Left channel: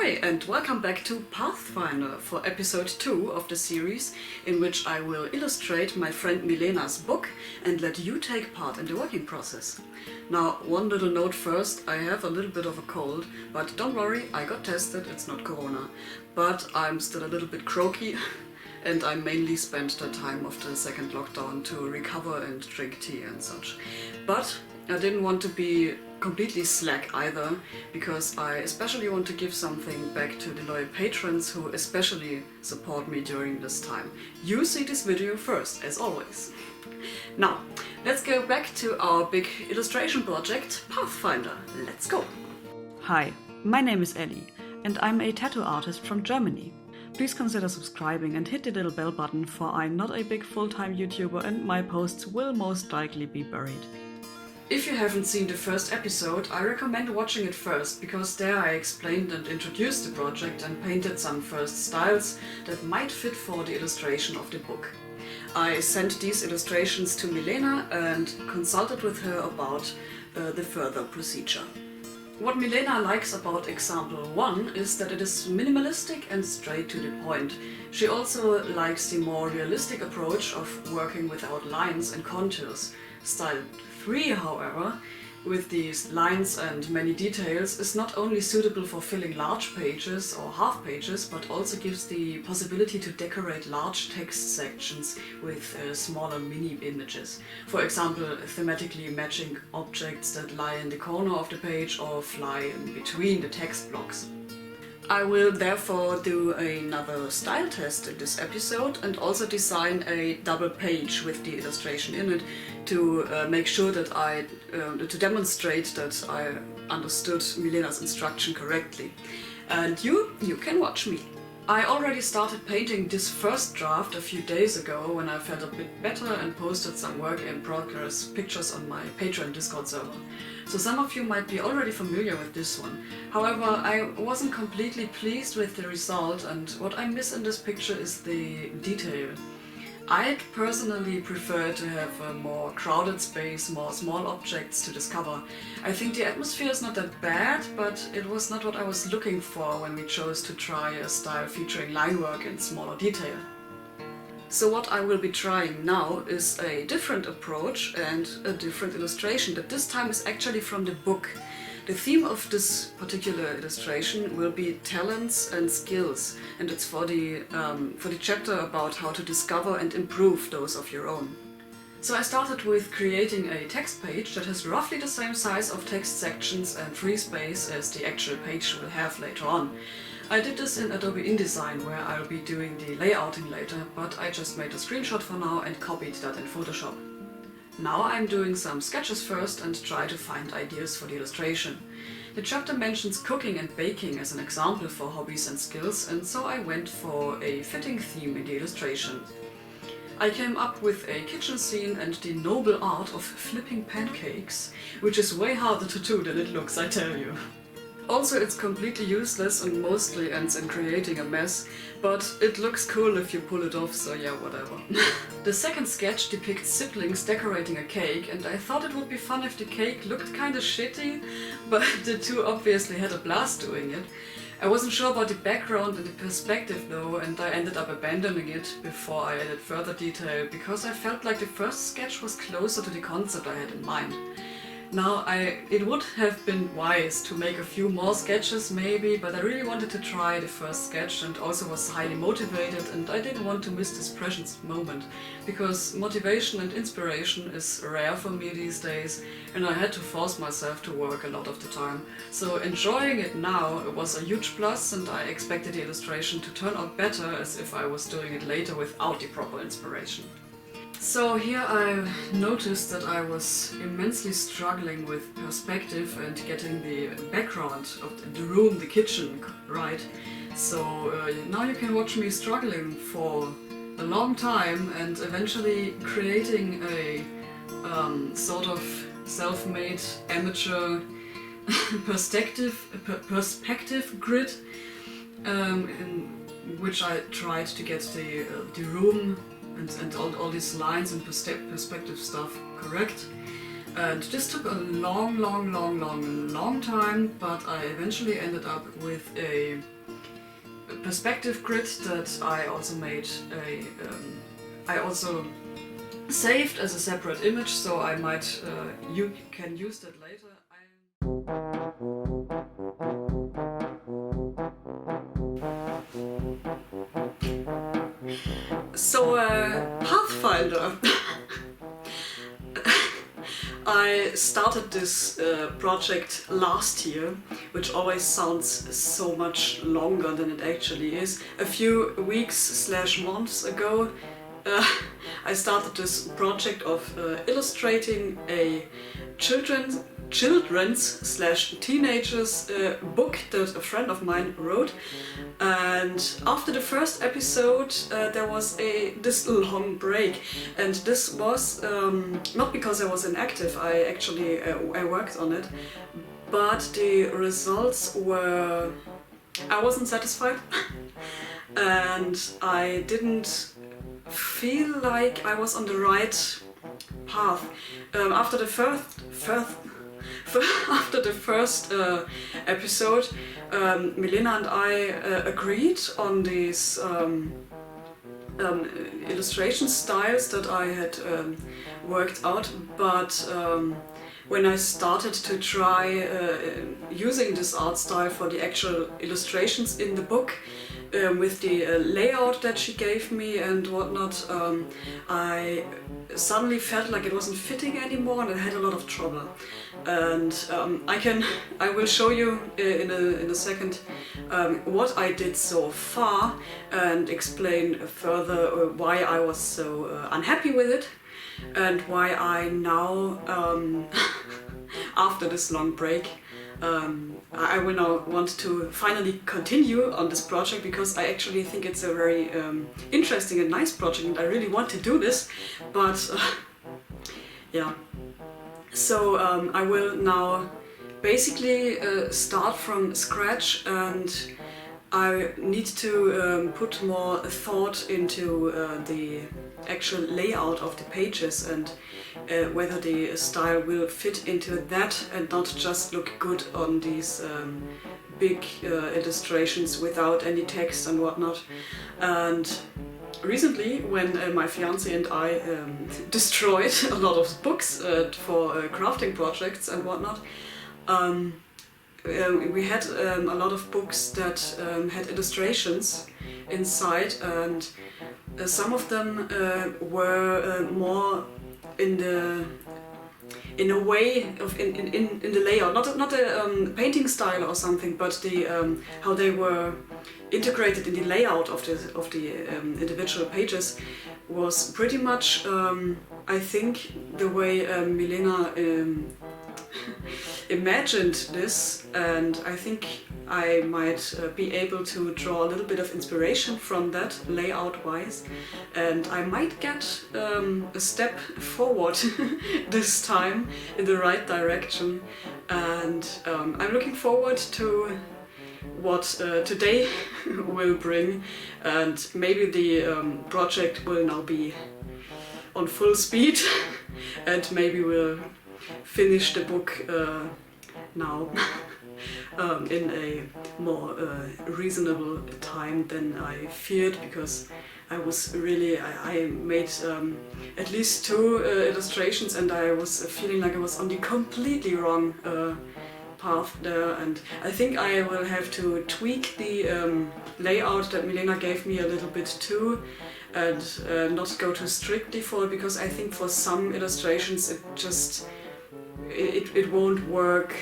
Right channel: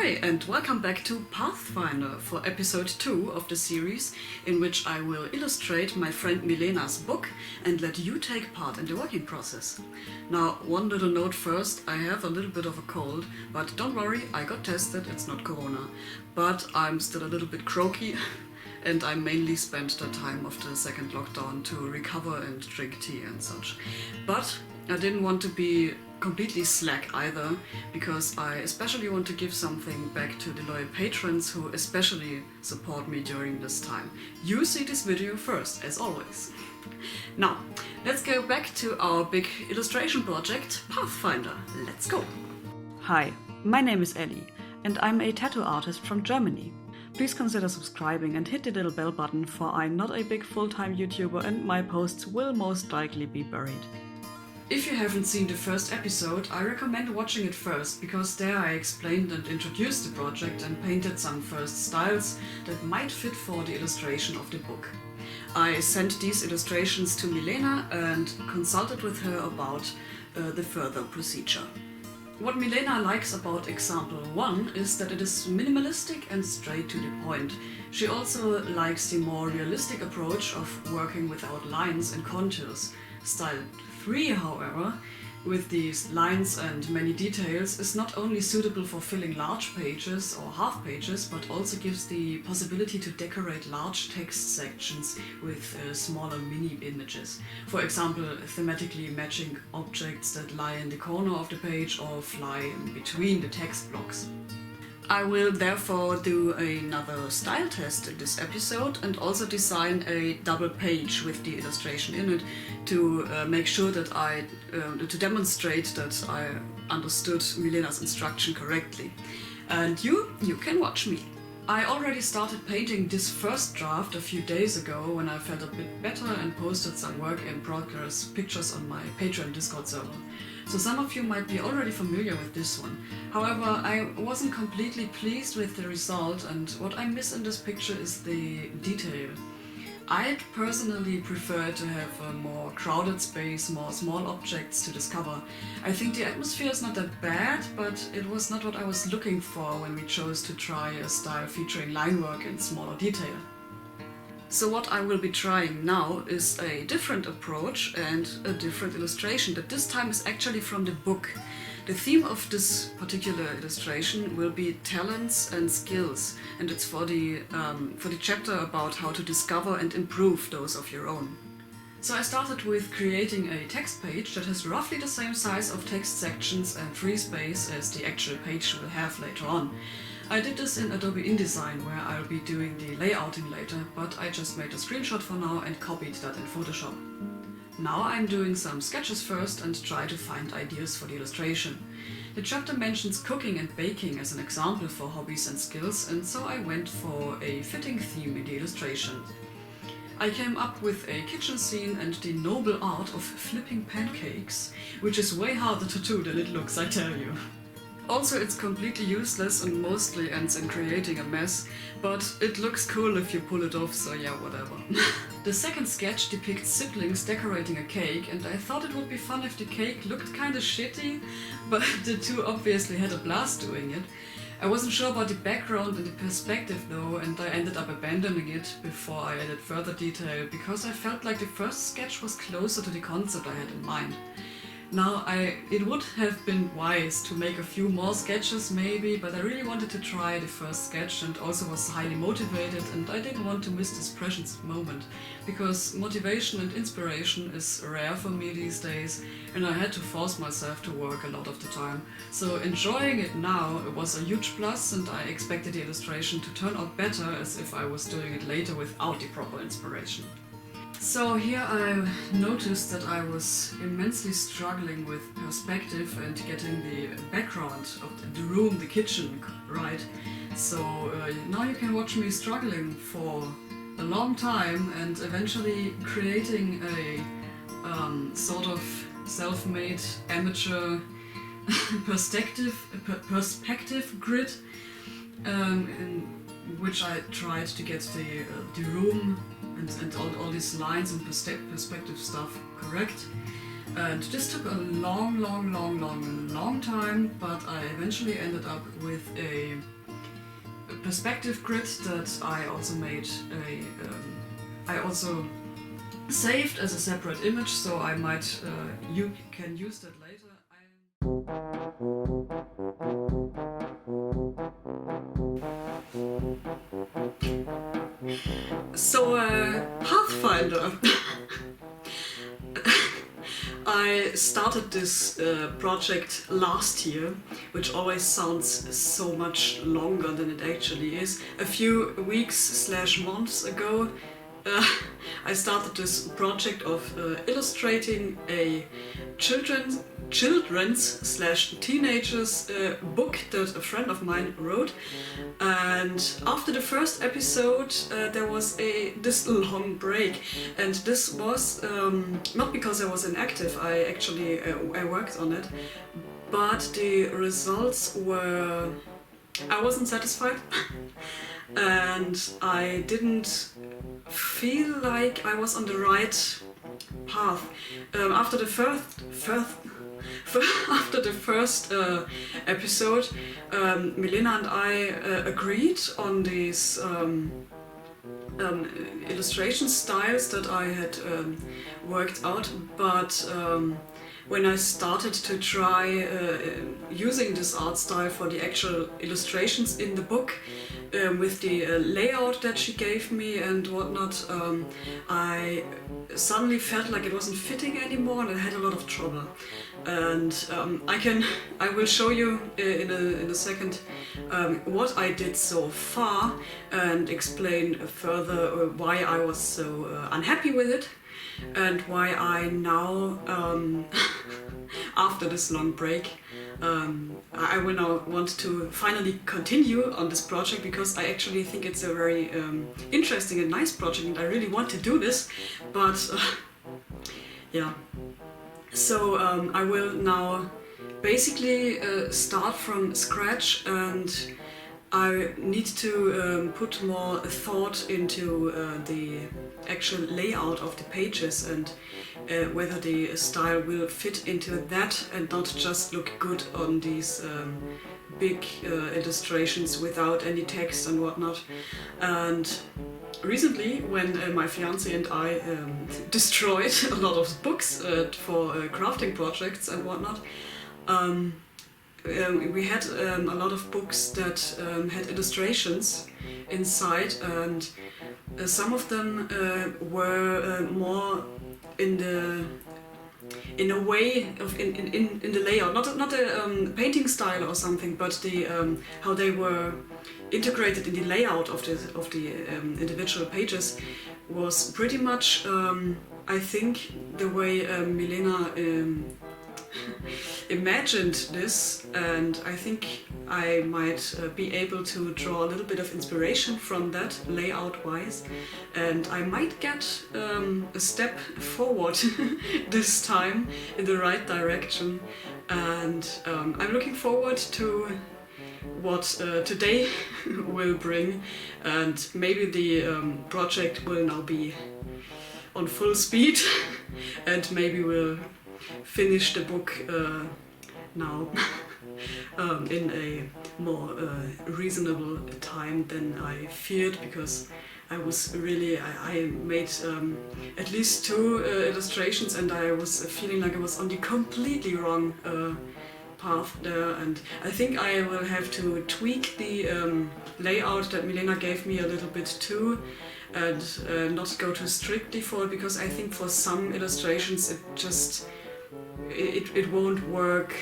Ahoy and welcome back to Pathfinder for episode 2 of the series, in which I will illustrate my friend Milena's book and let you take part in the working process. Now, one little note first, I have a little bit of a cold, but don't worry, I got tested, it's not corona. But I'm still a little bit croaky and I mainly spent the time of the second lockdown to recover and drink tea and such. But I didn't want to be completely slack either, because I especially want to give something back to the loyal patrons who especially support me during this time. You see this video first, as always. Now, let's go back to our big illustration project, Pathfinder. Let's go! Hi, my name is Ellie, and I'm a tattoo artist from Germany. Please consider subscribing and hit the little bell button, for I'm not a big full-time YouTuber and my posts will most likely be buried. If you haven't seen the first episode, I recommend watching it first, because there I explained and introduced the project and painted some first styles that might fit for the illustration of the book. I sent these illustrations to Milena and consulted with her about the further procedure. What Milena likes about example 1 is that it is minimalistic and straight to the point. She also likes the more realistic approach of working without lines and contours. Style 3, however, with these lines and many details, is not only suitable for filling large pages or half pages, but also gives the possibility to decorate large text sections with smaller mini images. For example, thematically matching objects that lie in the corner of the page or fly in between the text blocks. I will therefore do another style test in this episode and also design a double page with the illustration in it to make sure that to demonstrate that I understood Milena's instruction correctly. And you can watch me. I already started painting this first draft a few days ago when I felt a bit better and posted some work in progress pictures on my Patreon Discord server. So some of you might be already familiar with this one. However, I wasn't completely pleased with the result, and what I miss in this picture is the detail. I'd personally prefer to have a more crowded space, more small objects to discover. I think the atmosphere is not that bad, but it was not what I was looking for when we chose to try a style featuring line work and smaller detail. So what I will be trying now is a different approach and a different illustration that this time is actually from the book. The theme of this particular illustration will be talents and skills, and it's for the chapter about how to discover and improve those of your own. So I started with creating a text page that has roughly the same size of text sections and free space as the actual page will have later on. I did this in Adobe InDesign, where I'll be doing the layouting later, but I just made a screenshot for now and copied that in Photoshop. Now I'm doing some sketches first and try to find ideas for the illustration. The chapter mentions cooking and baking as an example for hobbies and skills, and so I went for a fitting theme in the illustration. I came up with a kitchen scene and the noble art of flipping pancakes, which is way harder to do than it looks, I tell you. Also, it's completely useless and mostly ends in creating a mess, but it looks cool if you pull it off, so yeah, whatever. The second sketch depicts siblings decorating a cake, and I thought it would be fun if the cake looked kinda shitty, but the two obviously had a blast doing it. I wasn't sure about the background and the perspective though, and I ended up abandoning it before I added further detail, because I felt like the first sketch was closer to the concept I had in mind. Now, it would have been wise to make a few more sketches maybe, but I really wanted to try the first sketch and also was highly motivated, and I didn't want to miss this precious moment, because motivation and inspiration is rare for me these days, and I had to force myself to work a lot of the time. So enjoying it now was a huge plus, and I expected the illustration to turn out better as if I was doing it later without the proper inspiration. So here I noticed that I was immensely struggling with perspective and getting the background of the room, the kitchen, right. So now you can watch me struggling for a long time and eventually creating a sort of self-made amateur perspective grid in which I tried to get the room and all these lines and perspective stuff correct. And this took a long time, but I eventually ended up with a perspective grid that I also made I also saved as a separate image, so I might you can use that later. So Pathfinder. I started this project last year, which always sounds so much longer than it actually is. A few weeks/months ago, I started this project of illustrating a children's/teenagers book that a friend of mine wrote. And after the first episode there was this long break, and this was not because I was inactive. I actually I worked on it, but the results were, I wasn't satisfied and I didn't feel like I was on the right path. After the first episode, Milena and I agreed on these illustration styles that I had worked out, but when I started to try using this art style for the actual illustrations in the book, with the layout that she gave me and whatnot, I suddenly felt like it wasn't fitting anymore, and I had a lot of trouble. And I will show you in a second what I did so far and explain further why I was so unhappy with it, and why I now, after this long break, I will now want to finally continue on this project, because I actually think it's a very interesting and nice project, and I really want to do this, but yeah. So I will now basically start from scratch, and I need to put more thought into the actual layout of the pages, and whether the style will fit into that and not just look good on these big illustrations without any text and whatnot. And recently, when my fiance and I destroyed a lot of books for crafting projects and whatnot, we had a lot of books that had illustrations inside, and some of them were more in a way of in the layout, not a painting style or something, but the how they were integrated in the layout of the individual pages was pretty much I think the way Milena imagined this, and I think I might be able to draw a little bit of inspiration from that layout wise, and I might get a step forward this time in the right direction. And I'm looking forward to what today will bring, and maybe the project will now be on full speed and maybe we'll finish the book now in a more reasonable time than I feared, because I was really, I made at least 2 illustrations, and I was feeling like I was on the completely wrong path there, and I think I will have to tweak the layout that Milena gave me a little bit too, and not go too strictly for it, because I think for some illustrations it won't work,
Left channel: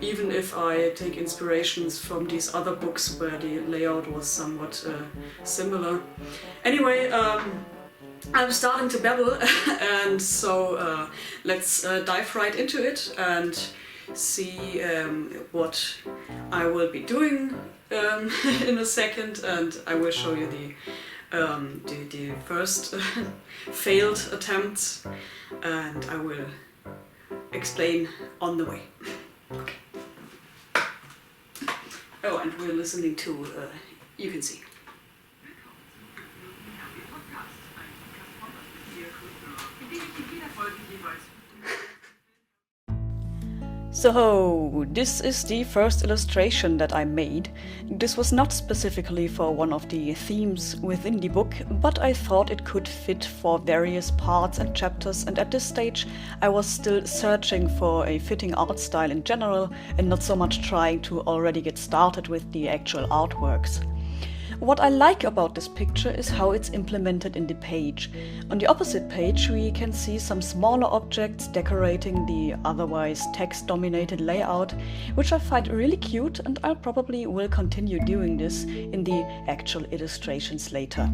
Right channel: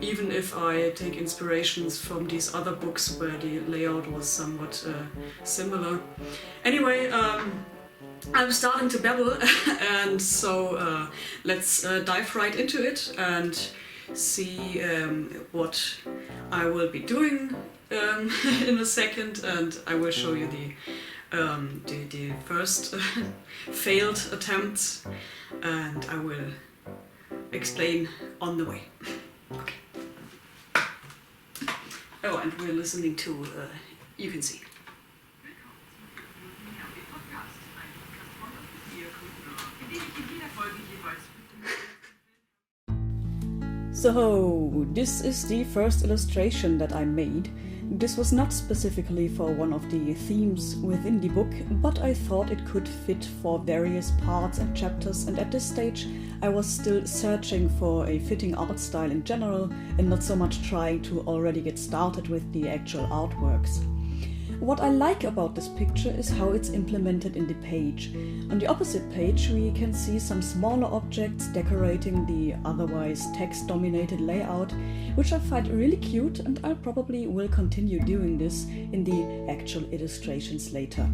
even if I take inspirations from these other books where the layout was somewhat similar. Anyway, I'm starting to babble and so let's dive right into it and see what I will be doing in a second, and I will show you the first failed attempts, and I will explain on the way. Okay. Oh, and we're listening to You Can See. So, this is the first illustration that I made. This was not specifically for one of the themes within the book, but I thought it could fit for various parts and chapters, and at this stage I was still searching for a fitting art style in general and not so much trying to already get started with the actual artworks. What I like about this picture is how it's implemented in the page. On the opposite page we can see some smaller objects decorating the otherwise text-dominated layout, which I find really cute, and I probably will continue doing this in the actual illustrations later.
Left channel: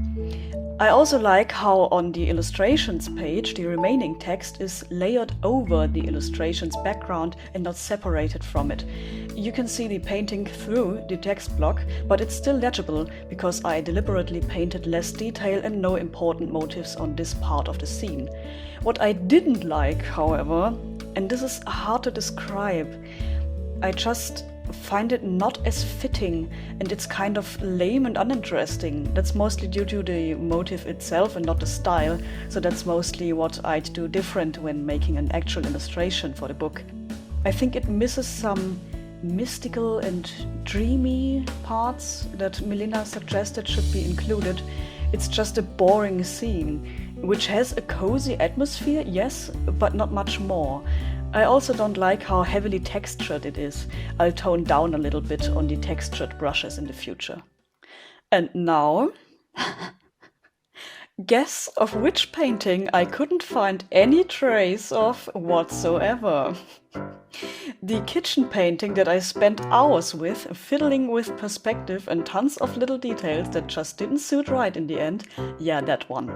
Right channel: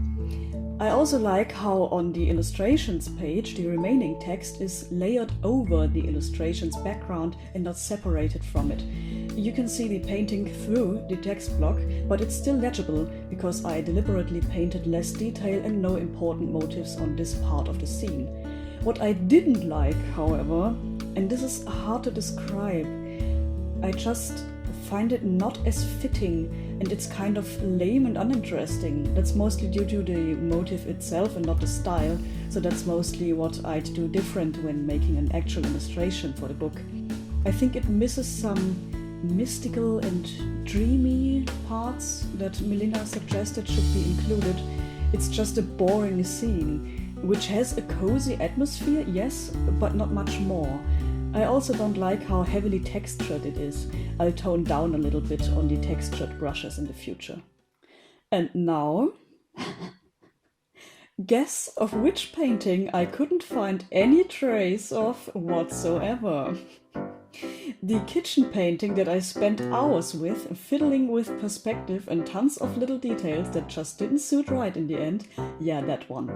I also like how on the illustrations page the remaining text is layered over the illustration's background and not separated from it. You can see the painting through the text block, but it's still legible because I deliberately painted less detail and no important motifs on this part of the scene. What I didn't like, however, and this is hard to describe, I just find it not as fitting, and it's kind of lame and uninteresting. That's mostly due to the motif itself and not the style, so that's mostly what I'd do different when making an actual illustration for the book. I think it misses some mystical and dreamy parts that Milena suggested should be included. It's just a boring scene, which has a cozy atmosphere, yes, but not much more. I also don't like how heavily textured it is. I'll tone down a little bit on the textured brushes in the future. And now, guess of which painting I couldn't find any trace of whatsoever. The kitchen painting that I spent hours with, fiddling with perspective and tons of little details that just didn't suit right in the end. Yeah, that one.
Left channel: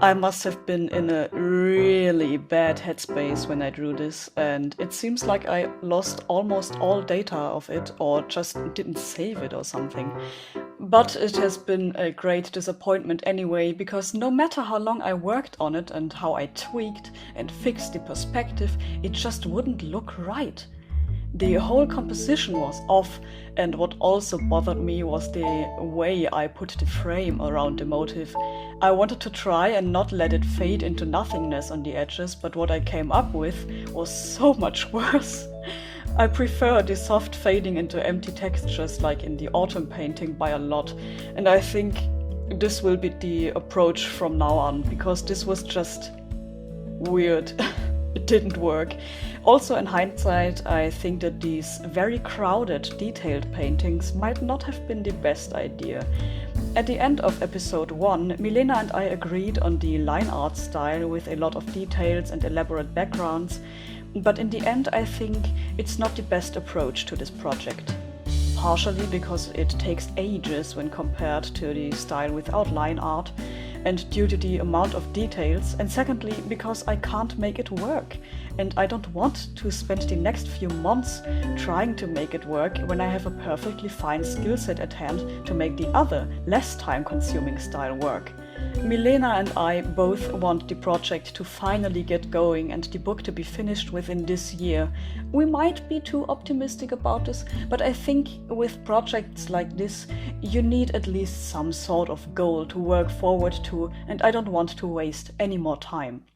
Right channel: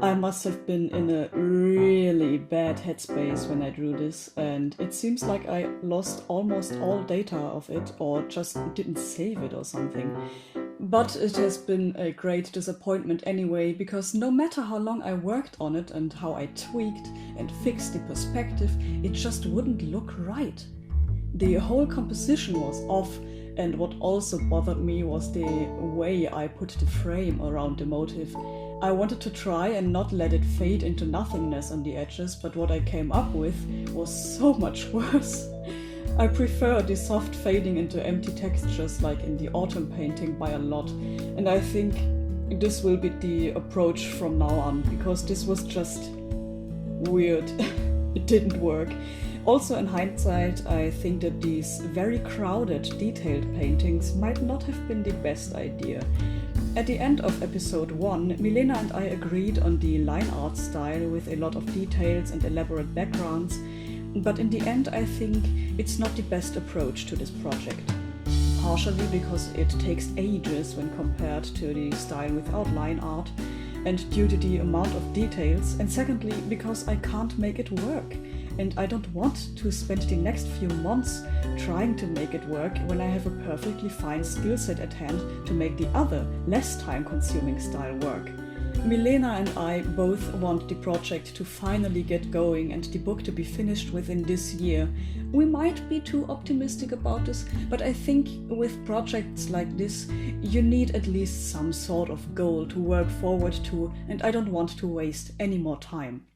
I must have been in a really bad headspace when I drew this, and it seems like I lost almost all data of it or just didn't save it or something. But it has been a great disappointment anyway, because no matter how long I worked on it and how I tweaked and fixed the perspective, it just wouldn't look right. The whole composition was off, and what also bothered me was the way I put the frame around the motif. I wanted to try and not let it fade into nothingness on the edges, but what I came up with was so much worse. I prefer the soft fading into empty textures like in the autumn painting by a lot, and I think this will be the approach from now on, because this was just weird. It didn't work. Also, in hindsight, I think that these very crowded, detailed paintings might not have been the best idea. At the end of episode 1, Milena and I agreed on the line art style with a lot of details and elaborate backgrounds, but in the end I think it's not the best approach to this project. Partially because it takes ages when compared to the style without line art, and due to the amount of details, and secondly because I can't make it work, and I don't want to spend the next few months trying to make it work when I have a perfectly fine skill set at hand to make the other, less time-consuming style work. Milena and I both want the project to finally get going and the book to be finished within this year. We might be too optimistic about this, but I think with projects like this, you need at least some sort of goal to work forward to, and I don't want to waste any more time.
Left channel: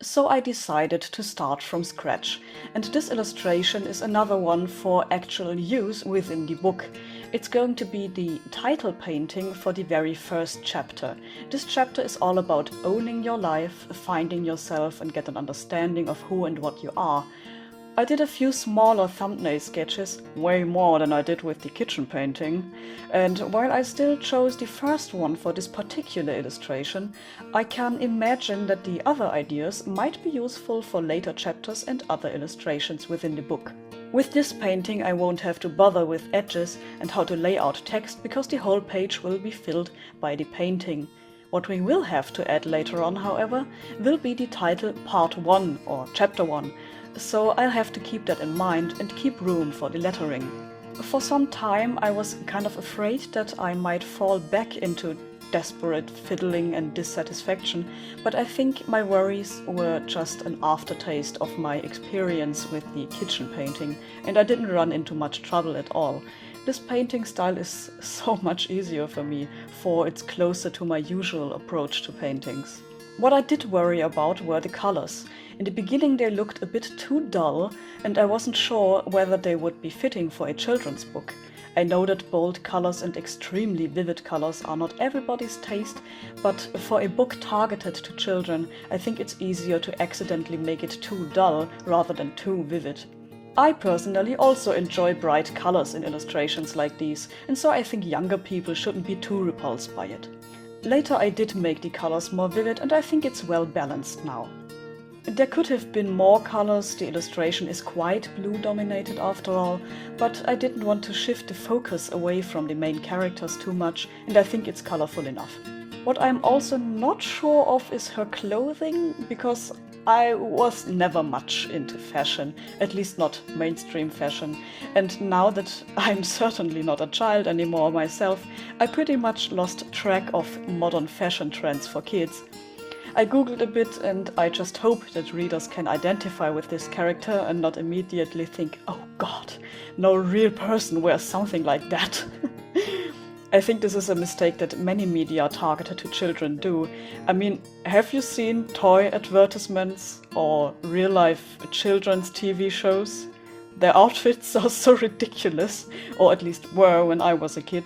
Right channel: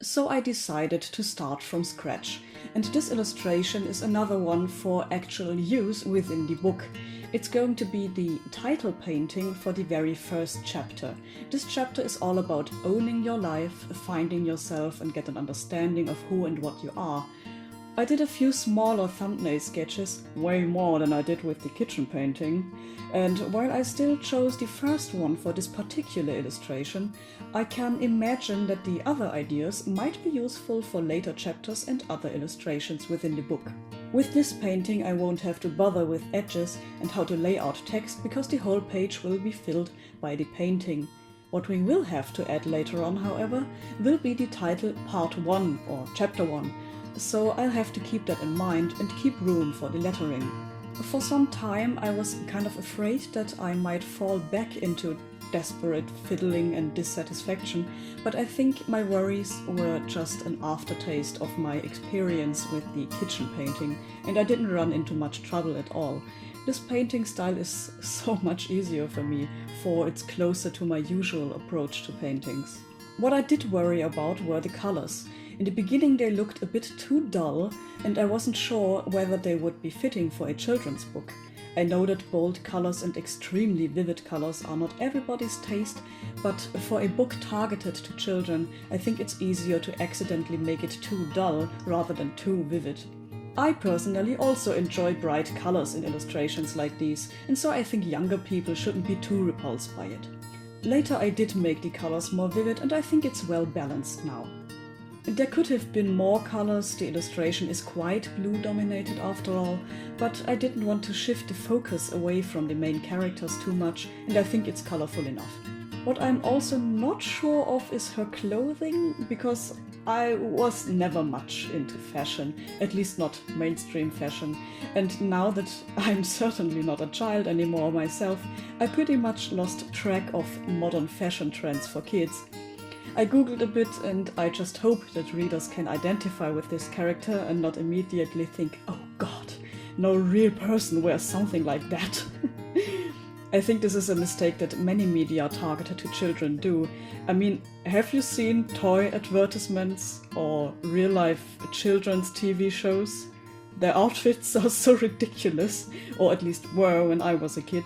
So I decided to start from scratch, and this illustration is another one for actual use within the book. It's going to be the title painting for the very first chapter. This chapter is all about owning your life, finding yourself, and get an understanding of who and what you are. I did a few smaller thumbnail sketches, way more than I did with the kitchen painting, and while I still chose the first one for this particular illustration, I can imagine that the other ideas might be useful for later chapters and other illustrations within the book. With this painting I won't have to bother with edges and how to lay out text, because the whole page will be filled by the painting. What we will have to add later on, however, will be the title Part 1 or Chapter 1, so I'll have to keep that in mind and keep room for the lettering. For some time I was kind of afraid that I might fall back into desperate fiddling and dissatisfaction, but I think my worries were just an aftertaste of my experience with the kitchen painting, and I didn't run into much trouble at all. This painting style is so much easier for me, for it's closer to my usual approach to paintings. What I did worry about were the colors. In the beginning they looked a bit too dull, and I wasn't sure whether they would be fitting for a children's book. I know that bold colors and extremely vivid colors are not everybody's taste, but for a book targeted to children, I think it's easier to accidentally make it too dull rather than too vivid. I personally also enjoy bright colors in illustrations like these, and so I think younger people shouldn't be too repulsed by it. Later I did make the colors more vivid, and I think it's well balanced now. There could have been more colors, the illustration is quite blue dominated after all, but I didn't want to shift the focus away from the main characters too much, and I think it's colorful enough. What I'm also not sure of is her clothing, because I was never much into fashion, at least not mainstream fashion, and now that I'm certainly not a child anymore myself, I pretty much lost track of modern fashion trends for kids. I googled a bit, and I just hope that readers can identify with this character and not immediately think, oh god, no real person wears something like that. I think this is a mistake that many media targeted to children do. I mean, have you seen toy advertisements or real-life children's TV shows? Their outfits are so ridiculous, or at least were when I was a kid.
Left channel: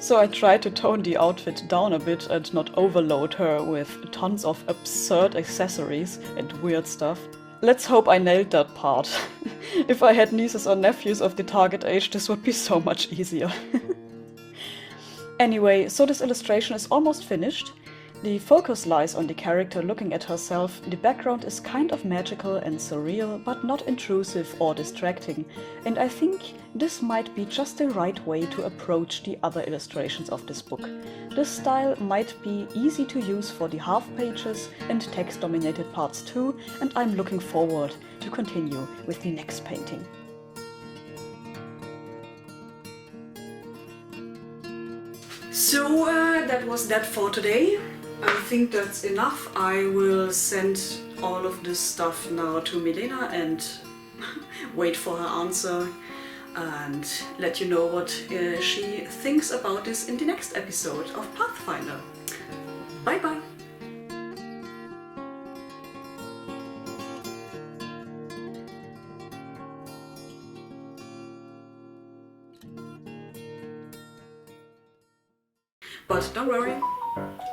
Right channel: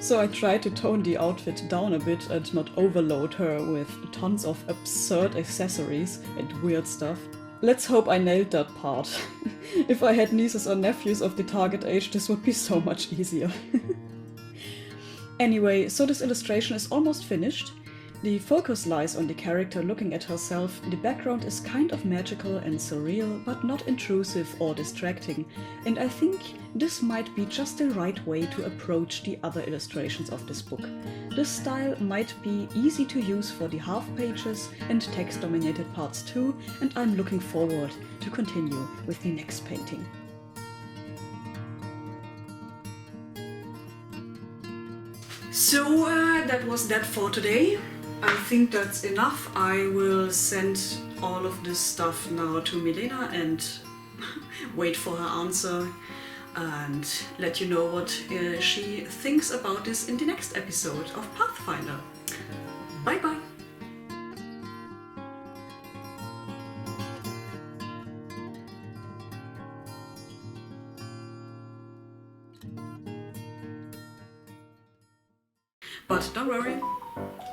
So I tried to tone the outfit down a bit and not overload her with tons of absurd accessories and weird stuff. Let's hope I nailed that part. If I had nieces or nephews of the target age, this would be so much easier. Anyway, so this illustration is almost finished. The focus lies on the character looking at herself. The background is kind of magical and surreal, but not intrusive or distracting, and I think this might be just the right way to approach the other illustrations of this book. This style might be easy to use for the half pages and text-dominated parts too, and I'm looking forward to continue with the next painting. So that was that for today. I think that's enough. I will send all of this stuff now to Milena and wait for her answer and let you know what she thinks about this in the next episode of Pathfinder. Bye bye! But don't worry,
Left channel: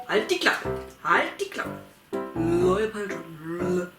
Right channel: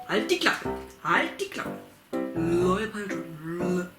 halt die Klappe, halt die Klappe. Loyal Patron.